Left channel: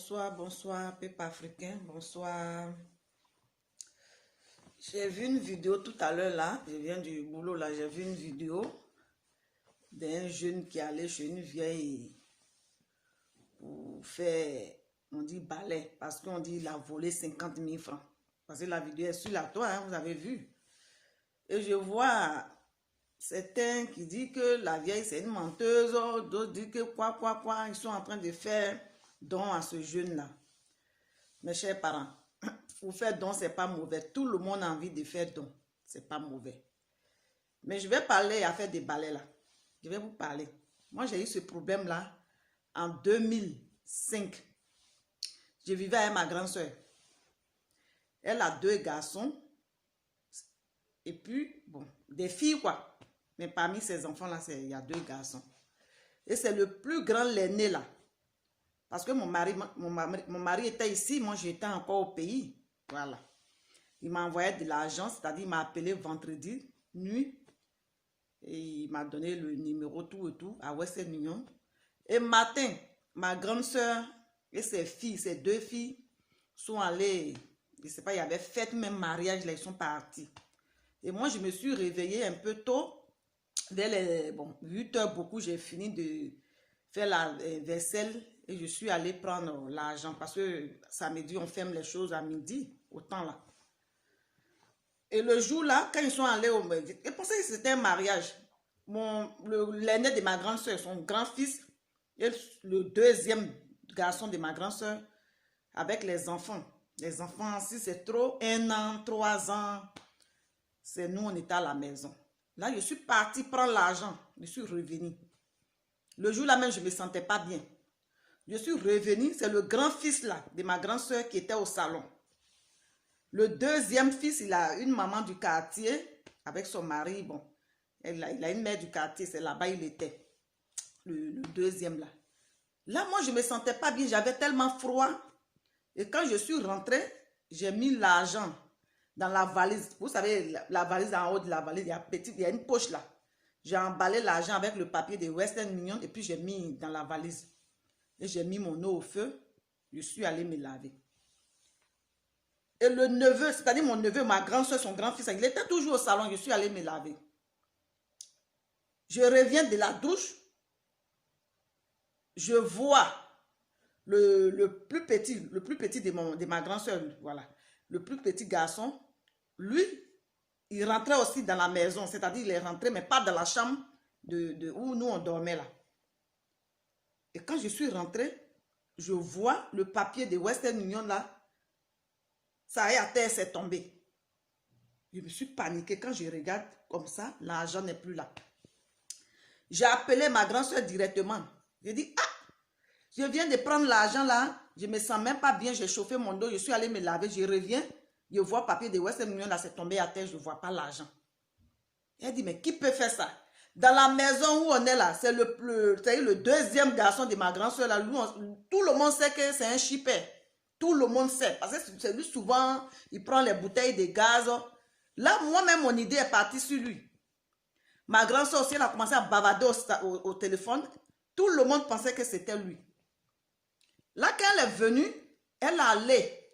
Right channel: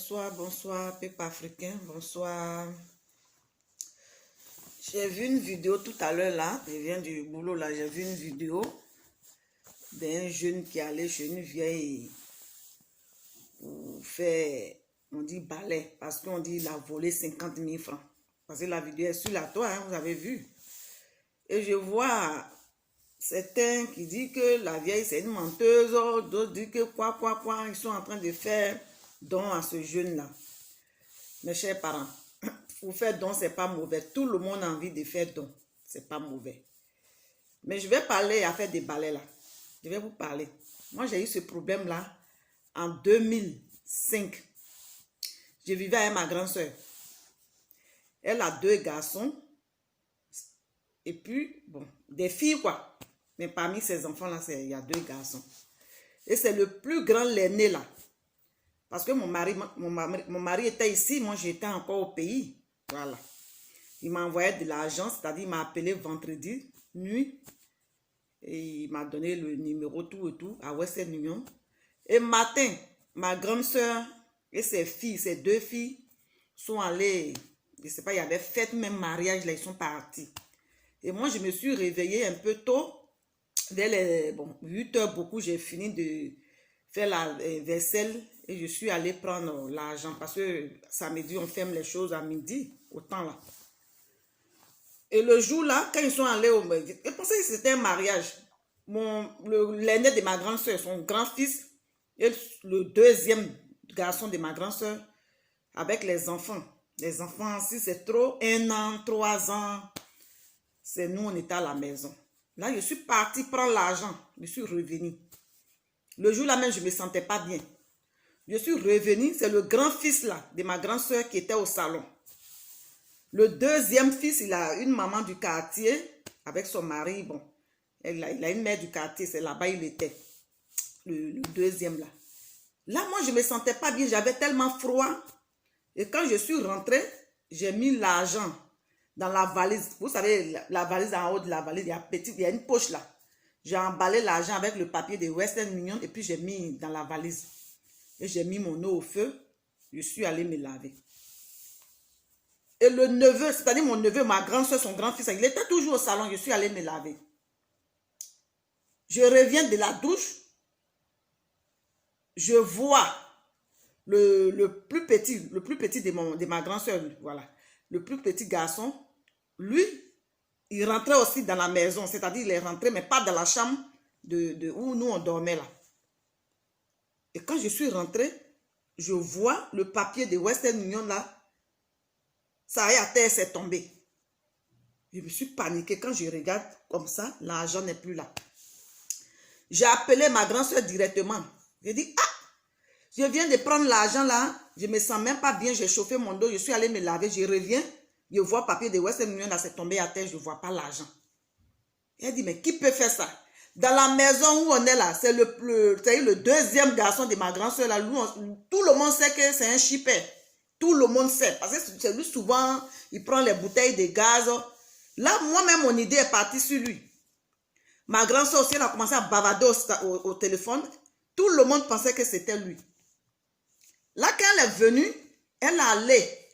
Bonsoir, bonsoir, peuple africain, bonsoir. J'ai vu une vidéo tout à l'heure là, je viens du boulot là, j'ai vu une vidéo d'un jeune qui allait chez une vieille pour faire, on dit balai, parce qu'on dit il a volé 50 000 francs. Parce que la vidéo est sur la toile, hein, vous avez vu. Et je vois certains qui disent que la vieille c'est une menteuse, d'autres disent que quoi, ils sont en train de faire don à ce jeune-là. Mes chers parents, pour faire don, c'est pas mauvais. Tout le monde a envie de faire don. C'est pas mauvais. Mais je vais parler à faire des balais là. Je vais vous parler. Moi, j'ai eu ce problème-là en 2005. Je vivais avec ma grande soeur. Elle a 2 garçons. Et puis, bon, des filles quoi. Mais parmi ces enfants-là, il y a 2 garçons. Et c'est le plus grand, l'aîné là. Parce que mon mari était ici, moi j'étais encore au pays. Voilà. Il m'a envoyé de l'argent, c'est-à-dire il m'a appelé vendredi nuit. Et il m'a donné le numéro tout et tout à Western Union. Et matin, ma grande soeur et ses filles, ses 2 filles, sont allées, je ne sais pas, il y avait fête, même mariage, là, ils sont partis. Et moi, je me suis réveillée un peu tôt. Dès les 8 heures, beaucoup, j'ai fini de faire la vaisselle. Et je suis allée prendre l'argent parce que samedi, on ferme les choses à midi, au temps là. Et le jour là, quand ils sont allés au... Je pensais que c'était un mariage. L'aîné de ma grande soeur, son grand-fils, et le 2e garçon de ma grande soeur, avec les enfants. Les enfants, si c'est trop, 1 an, 3 ans, c'est nous, on était à la maison. Là, je suis partie prendre l'argent. Je suis revenue. Le jour là même, je ne me sentais pas bien. Je suis revenue, c'est le grand-fils là, de ma grande soeur qui était au salon. Le 2e fils, il a une maman du quartier, avec son mari, bon, il a une mère du quartier, c'est là-bas il était. Le 2e là. Là, moi, je ne me sentais pas bien, j'avais tellement froid. Et quand je suis rentrée, j'ai mis l'argent dans la valise. Vous savez, la valise en haut de la valise, il y a une poche là. J'ai emballé l'argent avec le papier de Western Union et puis j'ai mis dans la valise. Et j'ai mis mon eau au feu. Je suis allée me laver. Et le neveu, c'est-à-dire mon neveu, ma grande soeur, son grand-fils, il était toujours au salon. Je suis allée me laver. Je reviens de la douche. Je vois le plus petit de ma grande soeur, voilà. Le plus petit garçon, lui, il rentrait aussi dans la maison. C'est-à-dire, il est rentré, mais pas dans la chambre où nous, on dormait là. Et quand je suis rentrée, je vois le papier de Western Union là. Ça y est, à terre, c'est tombé. Je me suis paniquée. Quand je regarde comme ça, l'argent n'est plus là. J'ai appelé ma grande soeur directement. J'ai dit, ah, je viens de prendre l'argent là. Je ne me sens même pas bien. J'ai chauffé mon dos. Je suis allée me laver. Je reviens. Je vois le papier de Western Union là, c'est tombé à terre. Je ne vois pas l'argent. Elle dit, mais qui peut faire ça? Dans la maison où on est là, c'est le 2e garçon de ma grande soeur là. Tout le monde sait que c'est un chipper. Tout le monde sait. Parce que c'est lui souvent, il prend les bouteilles de gaz. Là, moi-même, mon idée est partie sur lui. Ma grande soeur aussi, elle a commencé à bavarder au téléphone. Tout le monde pensait que c'était lui. Là, quand elle est venue, elle allait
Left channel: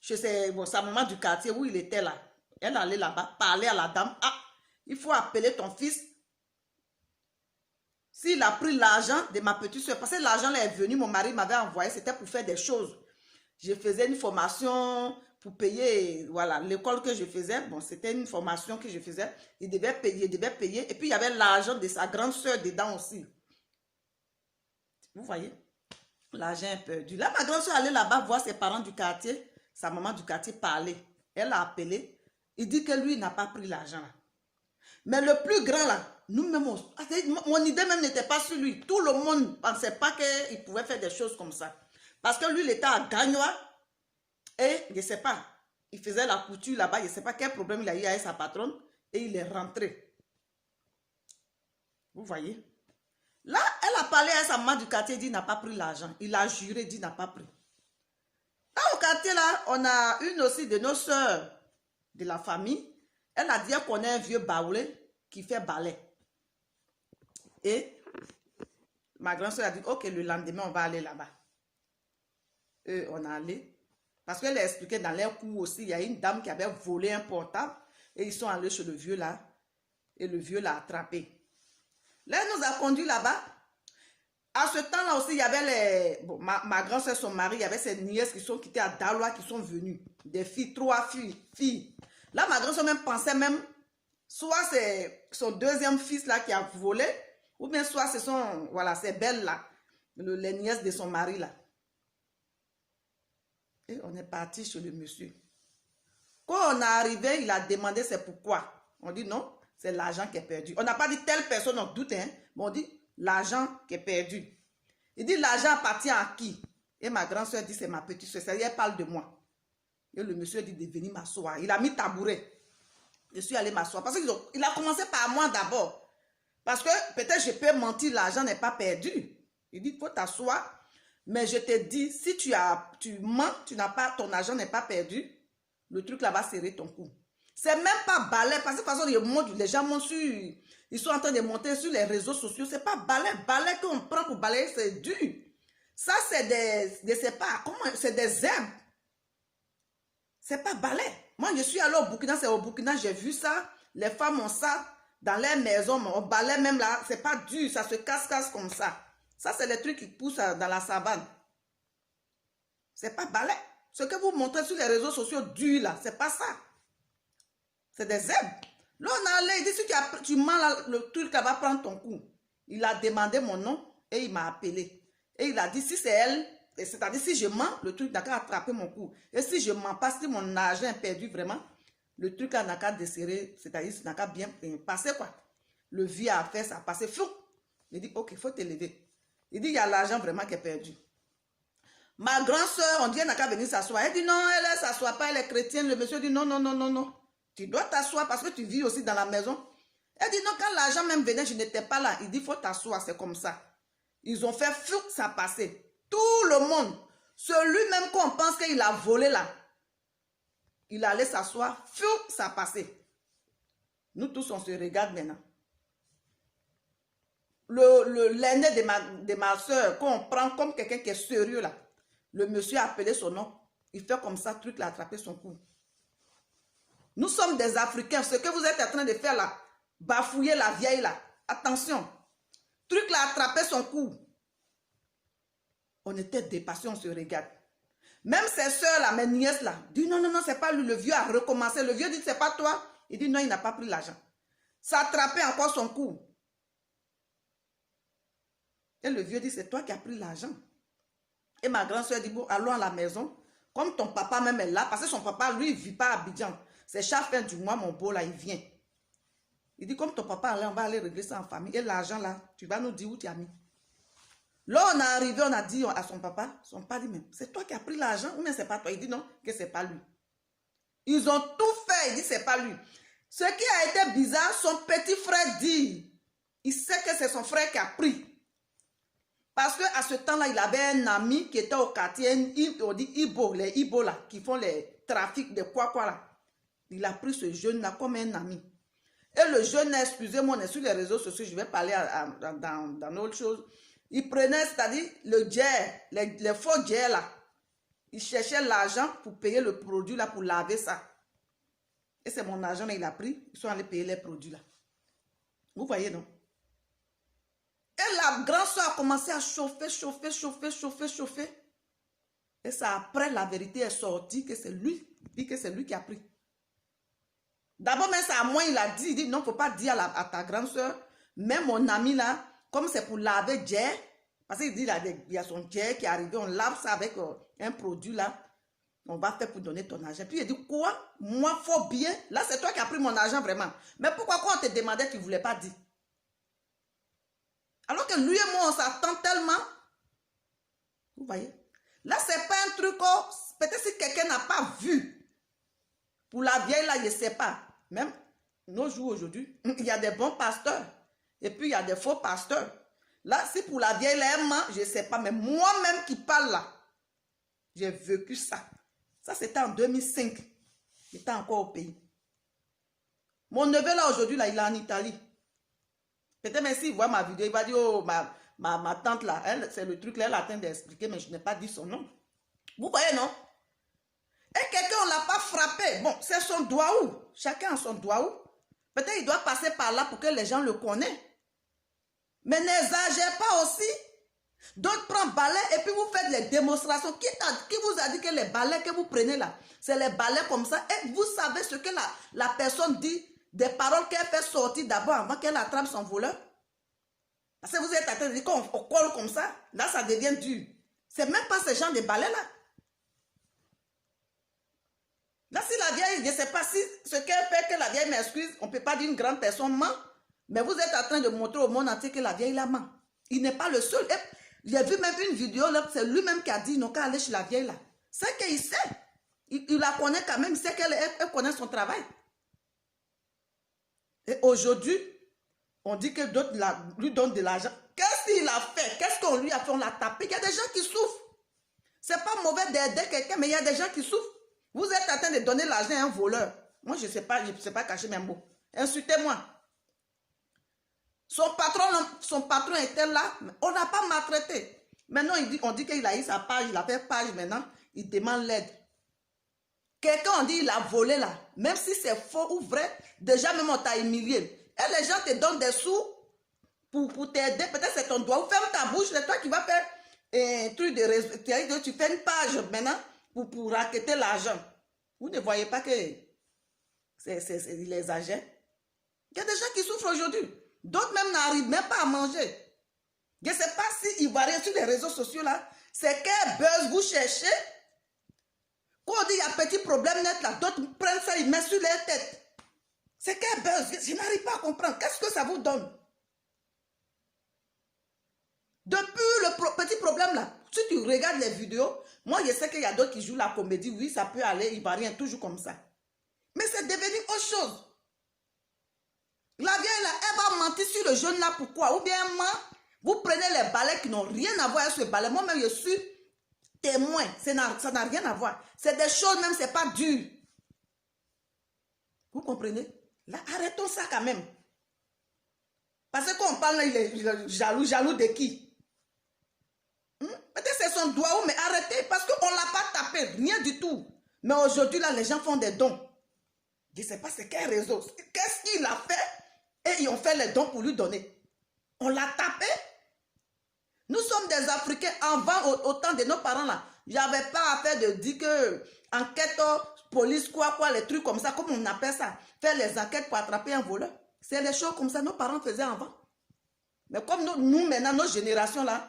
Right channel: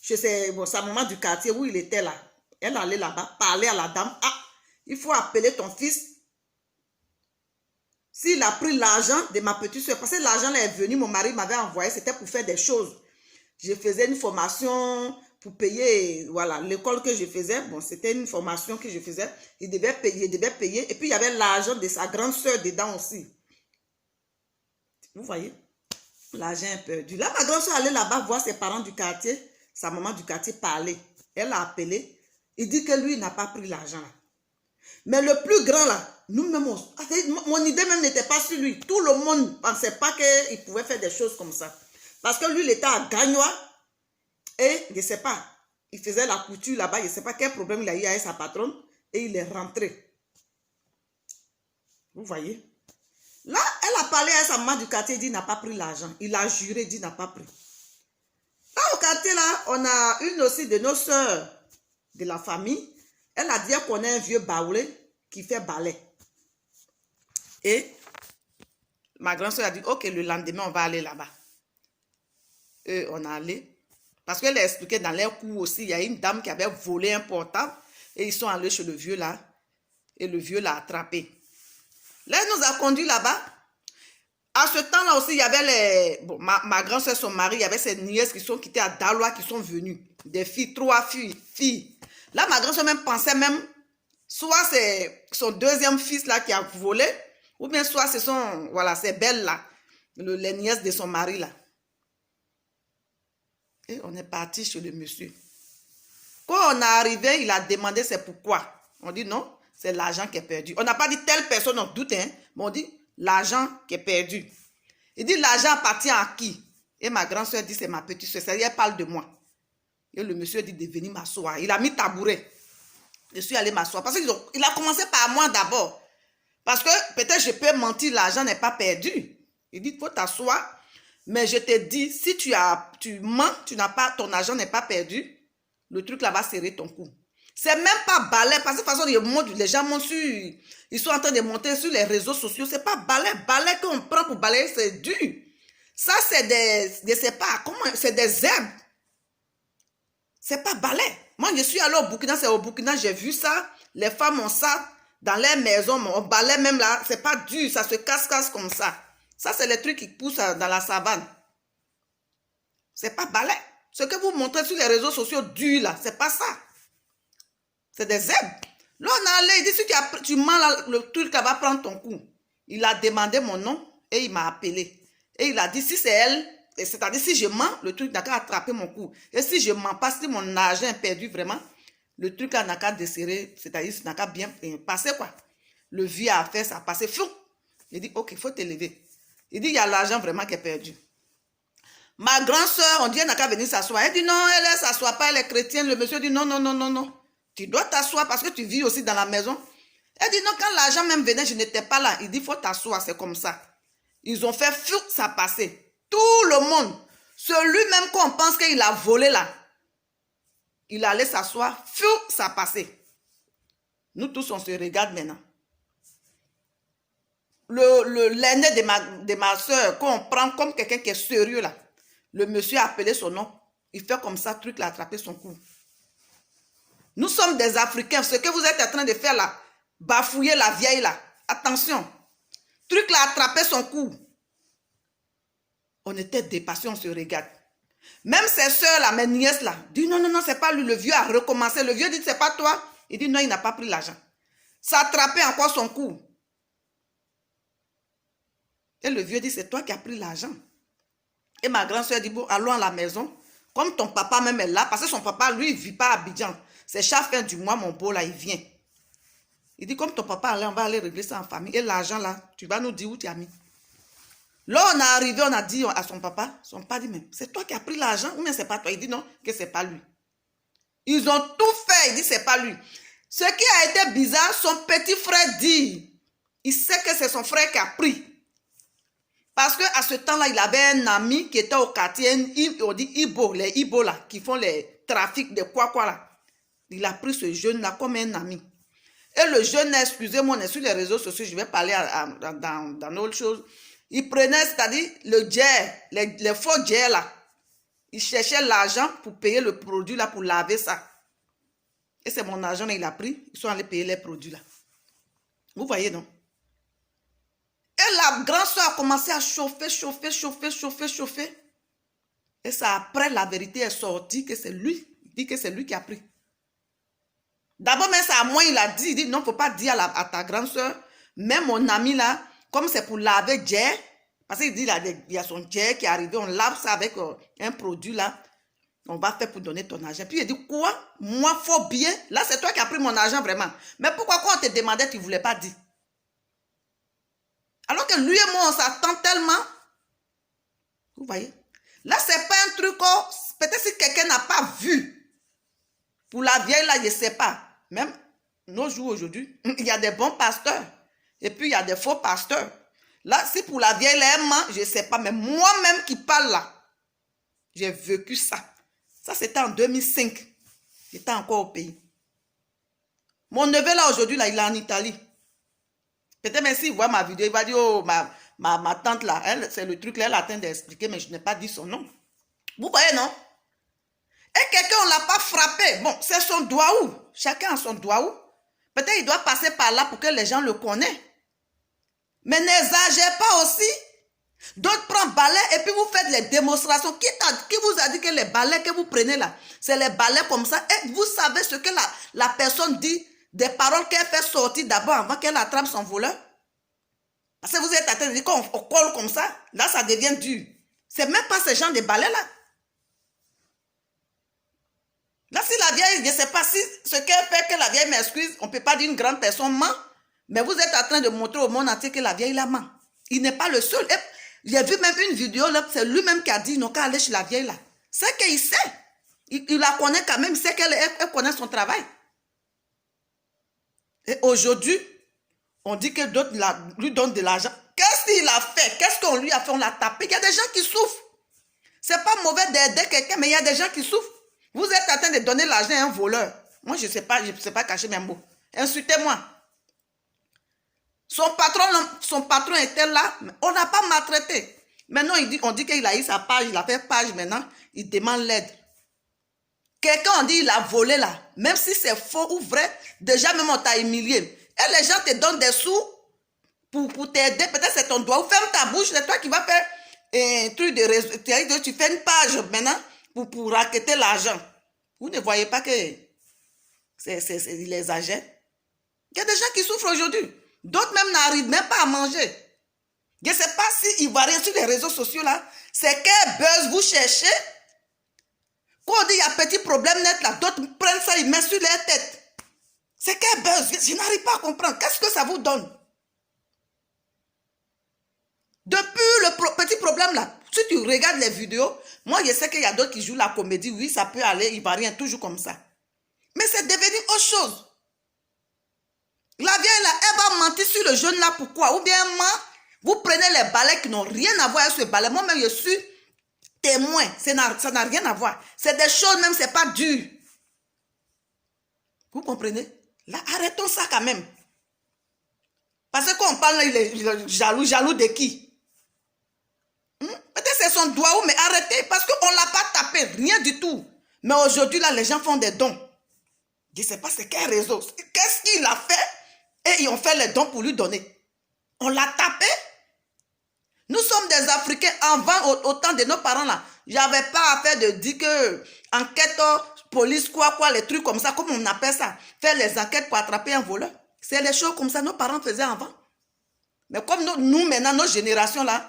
chez sa maman du quartier où il était là. Elle allait là-bas, parler à la dame. Ah, il faut appeler ton fils. S'il a pris l'argent de ma petite soeur, parce que l'argent là est venu, mon mari m'avait envoyé, c'était pour faire des choses. Je faisais une formation pour payer, voilà, l'école que je faisais. Bon, c'était une formation que je faisais. Il devait payer. Et puis, il y avait l'argent de sa grande soeur dedans aussi. Vous voyez? L'argent est perdu. Là, ma grande soeur allait là-bas voir ses parents du quartier. Sa maman du quartier parler. Elle a appelé. Il dit que lui, il n'a pas pris l'argent là. Mais le plus grand là, nous-mêmes, mon idée même n'était pas sur lui. Tout le monde ne pensait pas qu'il pouvait faire des choses comme ça. Parce que lui, il était à Gagnois. Et je ne sais pas, il faisait la couture là-bas. Je ne sais pas quel problème il a eu avec sa patronne. Et il est rentré. Vous voyez? Là, elle a parlé à sa maman du quartier. Il dit qu'il n'a pas pris l'argent. Il a juré, il dit qu'il n'a pas pris. Là, au quartier, là, on a une aussi de nos soeurs de la famille. Elle a dit qu'on a un vieux baoulé qui fait balai. Et ma grand-soeur a dit, ok, le lendemain, on va aller là-bas. on est allé. Parce qu'elle a expliqué dans leur cours aussi, il y a une dame qui avait volé un portable et ils sont allés chez le vieux là. Et le vieux l'a attrapé. Là, il nous a conduits là-bas. À ce temps-là aussi, il y avait les... Bon, ma grand-soeur, son mari, il y avait ses nièces qui étaient à Daloa qui sont venues. Des filles, 3 filles. Là, ma grand-soeur même pensait même, soit c'est son deuxième fils là qui a volé, ou bien soit ce sont, voilà, ces belles là, les nièces de son mari là. Et on est parti chez le monsieur. Quand on est arrivé, il a demandé c'est pourquoi. On dit non, c'est l'argent qui est perdu. On n'a pas dit telle personne, on doute, hein, mais on dit l'argent qui est perdu. Il dit l'argent appartient à qui? Et ma grand-soeur dit c'est ma petite soeur, elle parle de moi. Et le monsieur dit de venir m'asseoir. Il a mis tabouret. Je suis allé m'asseoir. Parce qu'il a commencé par moi d'abord. Parce que peut-être je peux mentir, l'argent n'est pas perdu. Il dit il faut t'asseoir. Mais je te dis, si tu mens, ton argent n'est pas perdu, le truc là va serrer ton cou. C'est même pas balai, parce que de toute façon, les gens montent sur, ils sont en train de monter sur les réseaux sociaux. C'est pas balai qu'on prend pour balayer, c'est dur. Ça, c'est des, je sais pas, comment, c'est des herbes. C'est pas balai. Moi, je suis allé au Burkina, c'est au Burkina, j'ai vu ça. Les femmes ont ça dans les maisons, on balaye même là, c'est pas dur, ça se casse comme ça. Ça, c'est les trucs qui poussent dans la savane. C'est pas balai. Ce que vous montrez sur les réseaux sociaux dur là, c'est pas ça. C'est des herbes. Là, on est allé, il dit, si tu mens là, le truc là va prendre ton coup. Il a demandé mon nom et il m'a appelé. Et il a dit, si c'est elle, c'est-à-dire si je mens, le truc n'a qu'à attraper mon cou. Et si je mens pas, si mon argent est perdu vraiment, le truc là n'a qu'à desserrer, c'est-à-dire n'a qu'à bien passer quoi. Le vieux a fait ça, passer fou. Il dit, ok, il faut te lever. Il dit, il y a l'argent vraiment qui est perdu. Ma grande soeur, on dit, elle n'a qu'à venir s'asseoir. Elle dit, non, elle ne s'assoit pas, elle est chrétienne. Le monsieur dit, non, non, non, non, non. Tu dois t'asseoir parce que tu vis aussi dans la maison. Elle dit, non, quand l'argent même venait, je n'étais pas là. Il dit, il faut t'asseoir, c'est comme ça. Ils ont fait fou, ça passait. Tout le monde. Celui-même qu'on pense qu'il a volé là, il allait s'asseoir, fou, ça passait. Nous tous, on se regarde maintenant. L'aîné de ma soeur, qu'on prend comme quelqu'un qui est sérieux là, le monsieur a appelé son nom, il fait comme ça, truc, il a attrapé son cou. Nous sommes des Africains, ce que vous êtes en train de faire là, bafouiller la vieille là, attention, truc, il a attrapé son cou. On était dépassés, on se regarde. Même ses soeurs là, mes nièces là, disent non, non, non, c'est pas lui, le vieux a recommencé, le vieux dit c'est pas toi, il dit non, il n'a pas pris l'argent. Ça a attrapé encore son cou. Et le vieux dit, c'est toi qui as pris l'argent. Et ma grand-soeur dit, bon, allons à la maison. Comme ton papa même est là, parce que son papa, lui, il ne vit pas à Abidjan. C'est chaque fin du mois, mon beau, là, il vient. Il dit, comme ton papa est là, on va aller régler ça en famille. Et l'argent, là, tu vas nous dire où tu as mis. Là, on est arrivé, on a dit à son papa dit, mais c'est toi qui as pris l'argent ou bien c'est pas toi? Il dit non, que c'est pas lui. Ils ont tout fait, il dit, c'est pas lui. Ce qui a été bizarre, son petit frère dit, il sait que c'est son frère qui a pris. Parce qu'à ce temps-là, il avait un ami qui était au quartier, on dit Ibo, les Ibo là, qui font les trafics de quoi là. Il a pris ce jeune-là comme un ami. Et le jeune, excusez-moi, on est sur les réseaux sociaux, je vais parler dans autre chose. Il prenait, c'est-à-dire le jet, les faux jets là. Il cherchait l'argent pour payer le produit là, pour laver ça. Et c'est mon argent là, il a pris, ils sont allés payer les produits là. Vous voyez, non? Et la grande soeur a commencé à chauffer. Et ça, après, la vérité est sortie que c'est lui. Il dit que c'est lui qui a pris. D'abord, mais c'est à moi, il a dit, non, il ne faut pas dire à ta grande soeur. Même mon ami là, comme c'est pour laver Jay, parce qu'il dit, il y a son Jay qui est arrivé, on lave ça avec un produit là. On va faire pour donner ton argent. Puis il dit, quoi? Moi, faut bien. Là, c'est toi qui as pris mon argent vraiment. Mais pourquoi quand on te demandait, tu ne voulais pas dire? Alors que lui et moi, on s'attend tellement. Vous voyez? Là, ce n'est pas un truc, peut-être si quelqu'un n'a pas vu. Pour la vieille, là, je ne sais pas. Même nos jours aujourd'hui, il y a des bons pasteurs. Et puis, il y a des faux pasteurs. Là, si pour la vieille, elle ment, je ne sais pas. Mais moi-même qui parle là, j'ai vécu ça. Ça, c'était en 2005. J'étais encore au pays. Mon neveu, là, aujourd'hui, là, il est en Italie. Peut-être même s'il voit ma vidéo, il va dire, oh, ma tante là, c'est le truc là, elle a atteint d'expliquer, mais je n'ai pas dit son nom. Vous voyez, non? Et quelqu'un, on ne l'a pas frappé. Bon, c'est son doigt où? Chacun a son doigt où? Peut-être il doit passer par là pour que les gens le connaissent. Mais n'exagérez pas aussi. D'autres prennent balai et puis vous faites les démonstrations. Qui vous a dit que les balais que vous prenez là, c'est les balais comme ça? Et vous savez ce que la personne dit, des paroles qu'elle fait sortir d'abord avant qu'elle attrape son voleur? Parce que vous êtes en train de dire qu'on colle comme ça, là ça devient dur. C'est même pas ce genre de balais là. Là, si la vieille, je ne sais pas si ce qu'elle fait, que la vieille m'excuse, on ne peut pas dire une grande personne ment, mais vous êtes en train de montrer au monde entier que la vieille la ment. Il n'est pas le seul. J'ai vu même une vidéo, c'est lui-même qui a dit, non, qu'à aller chez la vieille là. C'est qu'il sait. Il la connaît quand même, il sait qu'elle connaît son travail. Et aujourd'hui, on dit que d'autres lui donnent de l'argent. Qu'est-ce qu'il a fait? Qu'est-ce qu'on lui a fait? On l'a tapé. Il y a des gens qui souffrent. C'est pas mauvais d'aider quelqu'un, mais il y a des gens qui souffrent. Vous êtes en train de donner l'argent à un voleur. Moi, je ne sais pas cacher mes mots. Insultez-moi. Son patron était là. On n'a pas maltraité. Maintenant, on dit qu'il a eu sa page. Il a fait page maintenant. Il demande l'aide. Quelqu'un, on dit il a volé là. Même si c'est faux ou vrai, déjà même on t'a humilié. Et les gens te donnent des sous pour t'aider. Peut-être c'est ton doigt. Ferme ta bouche. C'est toi qui vas faire un truc de réseau. Tu fais une page maintenant pour raqueter l'argent. Vous ne voyez pas que il exagère. Il y a des gens qui souffrent aujourd'hui. D'autres même n'arrivent même pas à manger. Je ne sais pas si Ivoirien sur les réseaux sociaux là, c'est quel buzz vous cherchez. Quand on dit il y a petit problème net là, d'autres prennent ça, ils mettent sur leur tête. C'est quel buzz? Je n'arrive pas à comprendre. Qu'est-ce que ça vous donne? Depuis le petit problème là, si tu regardes les vidéos, moi je sais qu'il y a d'autres qui jouent la comédie, oui, ça peut aller, Ivoirien, toujours comme ça. Mais c'est devenu autre chose. La vieille là, elle va mentir sur le jeune là, pourquoi? Ou bien vous prenez les balais qui n'ont rien à voir avec ce balai. Moi-même, je suis témoin. Ça n'a rien à voir. C'est des choses même, c'est pas dur. Vous comprenez? Là, arrêtons ça quand même. Parce que quand on parle là, il est jaloux. Jaloux de qui? Peut-être c'est son doigt, mais arrêtez. Parce qu'on ne l'a pas tapé. Rien du tout. Mais aujourd'hui, là, les gens font des dons. Je ne sais pas c'est quel réseau. Qu'est-ce qu'il a fait? Et ils ont fait les dons pour lui donner. On l'a tapé. Nous sommes des Africains. Avant, au temps de nos parents là, il n'y avait pas à faire de dire que enquête, police, quoi, les trucs comme ça, comme on appelle ça. Faire les enquêtes pour attraper un voleur. C'est les choses comme ça nos parents faisaient avant. Mais comme nous maintenant, nos générations là,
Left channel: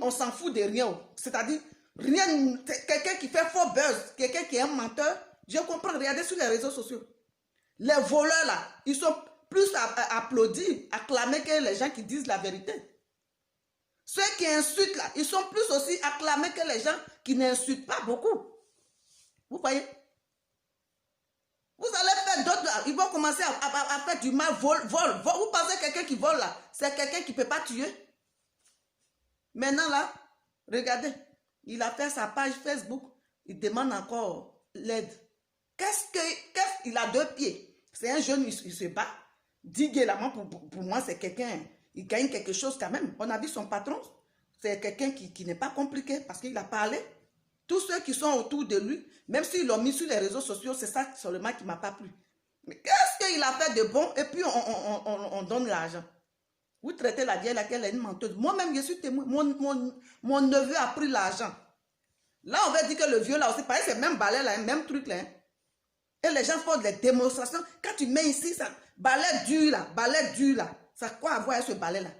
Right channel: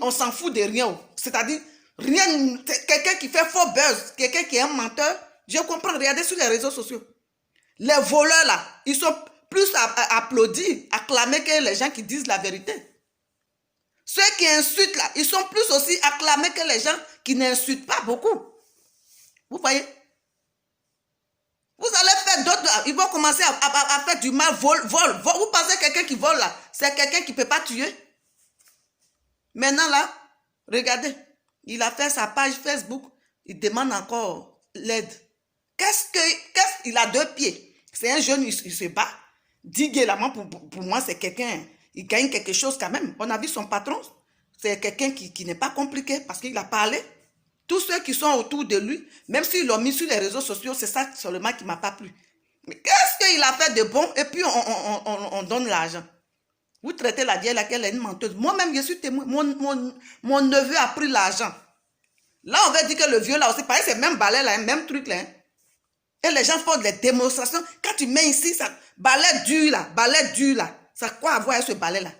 on s'en fout de rien. C'est-à-dire, rien, quelqu'un qui fait faux buzz, quelqu'un qui est un menteur, je comprends, regardez sur les réseaux sociaux. Les voleurs là, ils sont plus applaudis, acclamés que les gens qui disent la vérité. Ceux qui insultent là, ils sont plus aussi acclamés que les gens qui n'insultent pas beaucoup. Vous voyez? Vous allez faire d'autres, ils vont commencer à faire du mal, vol. Vous pensez que quelqu'un qui vole là, c'est quelqu'un qui ne peut pas tuer? Maintenant là, regardez, il a fait sa page Facebook, il demande encore l'aide. Il a 2 pieds. C'est un jeune, il se bat. Diguer là, pour moi, c'est quelqu'un, il gagne quelque chose quand même. On a vu son patron, c'est quelqu'un qui n'est pas compliqué parce qu'il a parlé. Tous ceux qui sont autour de lui, même s'ils l'ont mis sur les réseaux sociaux, c'est ça seulement qui ne m'a pas plu. Mais qu'est-ce qu'il a fait de bon? Et puis on donne l'argent. Vous traitez la vieille laquelle est une menteuse. Moi-même, je suis témoin. Mon neveu a pris l'argent. Là, on va dire que le vieux là aussi, pareil, c'est même balai là, même truc là. Et les gens font des démonstrations. Quand tu mets ici, ça, balai dur là, ça a quoi à voir avec ce balai là?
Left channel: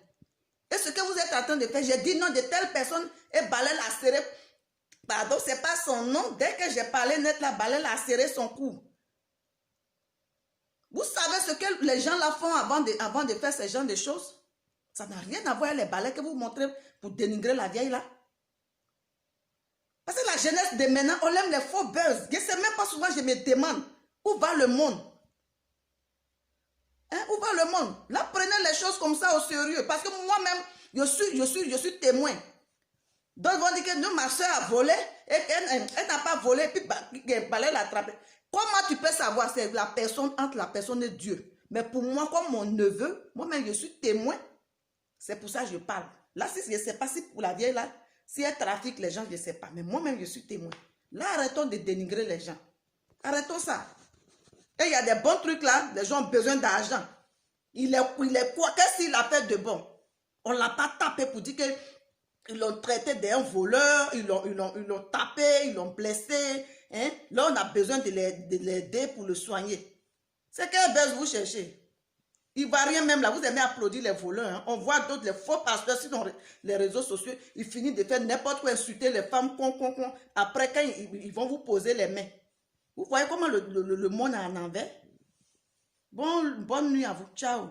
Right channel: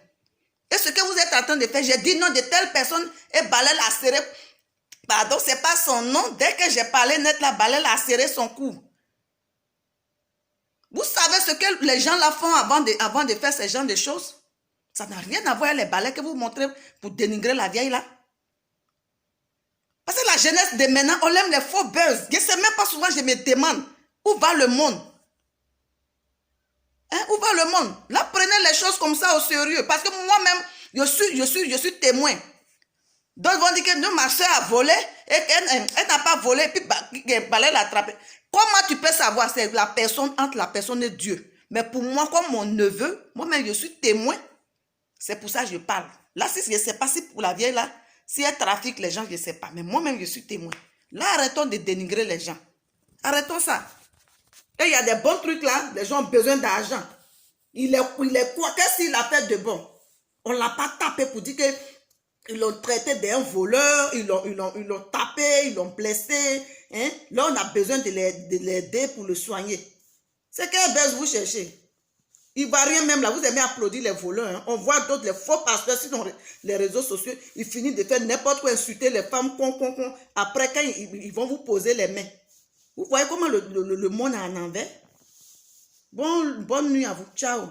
Et ce que vous êtes en train de faire, j'ai dit non de telle personne et balai l'a serré. Pardon, c'est pas son nom. Dès que j'ai parlé net, la balai l'a serré son cou. Vous savez ce que les gens là font avant de faire ce genre de choses? Ça n'a rien à voir avec les balais que vous montrez pour dénigrer la vieille là. Parce que la jeunesse de maintenant, on aime les faux buzz. Je ne sais même pas souvent, je me demande, où va le monde? Hein, où va le monde? Là, prenez les choses comme ça au sérieux. Parce que moi-même, je suis témoin. D'autres vont dire que non, ma soeur a volé et qu'elle n'a pas volé et puis balai l'a attrapé. Comment tu peux savoir? C'est la personne, entre la personne et Dieu. Mais pour moi, comme mon neveu, moi-même, je suis témoin. C'est pour ça que je parle. Là, si je ne sais pas si pour la vieille là, Si elle trafique les gens, je ne sais pas. Mais moi-même, je suis témoin. Là, arrêtons de dénigrer les gens. Arrêtons ça. Et il y a des bons trucs là, les gens ont besoin d'argent. Il est quoi? Qu'est-ce qu'il a fait de bon? On ne l'a pas tapé pour dire qu'ils l'ont traité d'un voleur, ils l'ont tapé, ils l'ont blessé. Hein? Là, on a besoin de l'aider pour le soigner. C'est quelle baisse vous cherchez? Il ne va rien même là, vous aimez applaudir les voleurs. Hein? On voit d'autres, les faux pasteurs sur les réseaux sociaux, ils finissent de faire n'importe quoi, insulter les femmes, Après, quand ils vont vous poser les mains. Vous voyez comment le monde est en envers? Bonne nuit à vous. Ciao.